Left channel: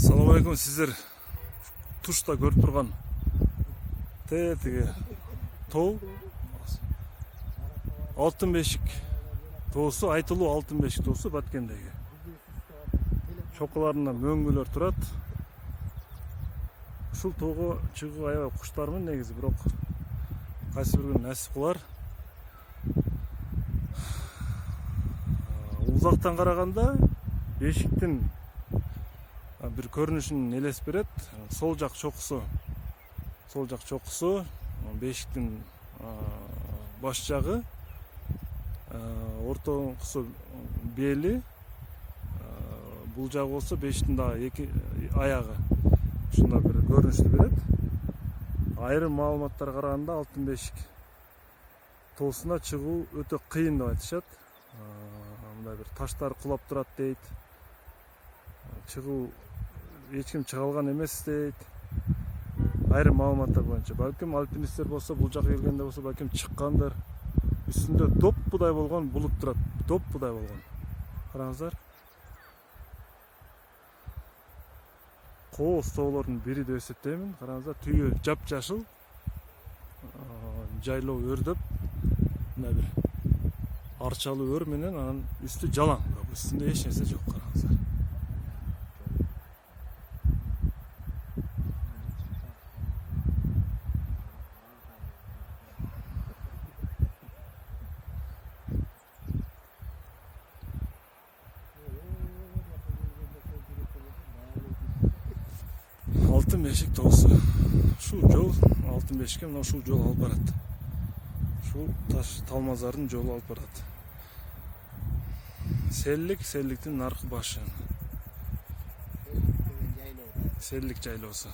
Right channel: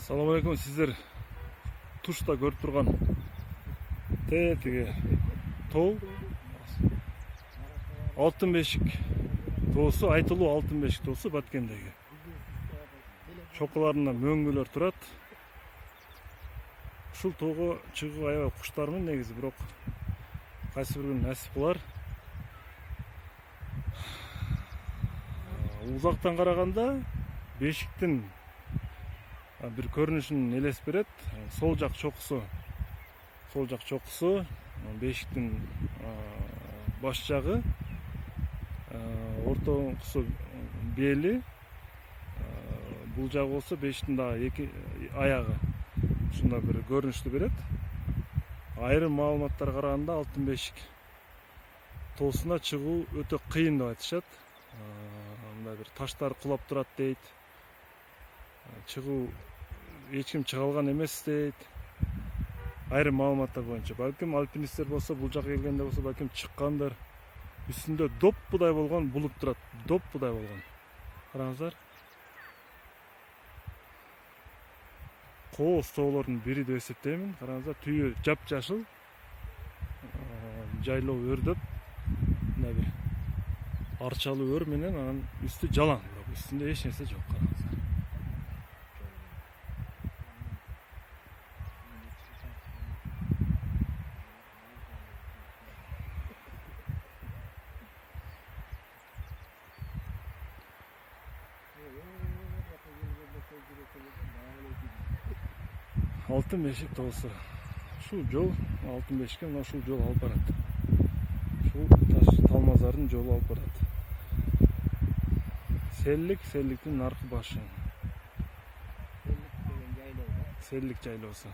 Assalamu alaikum, sizler tuşta görüp turgan tege too Altın Beşik toosу, айтылуу Altın Beşik toosу Баткендеги. Чокуларында мөңгүлөр турат. Ушул тоого чыгуу аябай куштармын негизи, бирок кайсы бир күнү насип кылар. Узактан караганда бешиктин bir көрүнүшүн элес берет. Сол жак чокусу бешиктин баш жагы, ортоңкусу бели, бул жагы болсо бешиктин дагы эки аягы. Ушундай бир көрүнүштү берет. Айрым маалыматтарга караганда Алтын Бешик тоосуна чыгуу өтө кыйын деп айтышат. Мындай бир таштар кулап турат дейт. Чыгуу эч ким чыга алган эмес дейт. Айрым маалыматтар боюнча балким альпинисттер болсо, бул жака келгенде болсо балким чыккандыр. Үстүндө доппудай болгон булут турат. Доппудай болгон. Караңыздар. Кооз тоолордун бири деп эсептеймин. Караңыздар, түйү жапжашыл, жайлоо өрдөп, мына бир арчалуу өр менен анан үстү жалаң, бирок үстүндө эч нерсе жок. Караңыздар. Altın Beşik toosу. Şu жол Altın Beşikке мына ушул жол алып барат. Ушул таш Талмазардын жолу алып барат. Селликтин наркы башы. Селлик жайлоосу.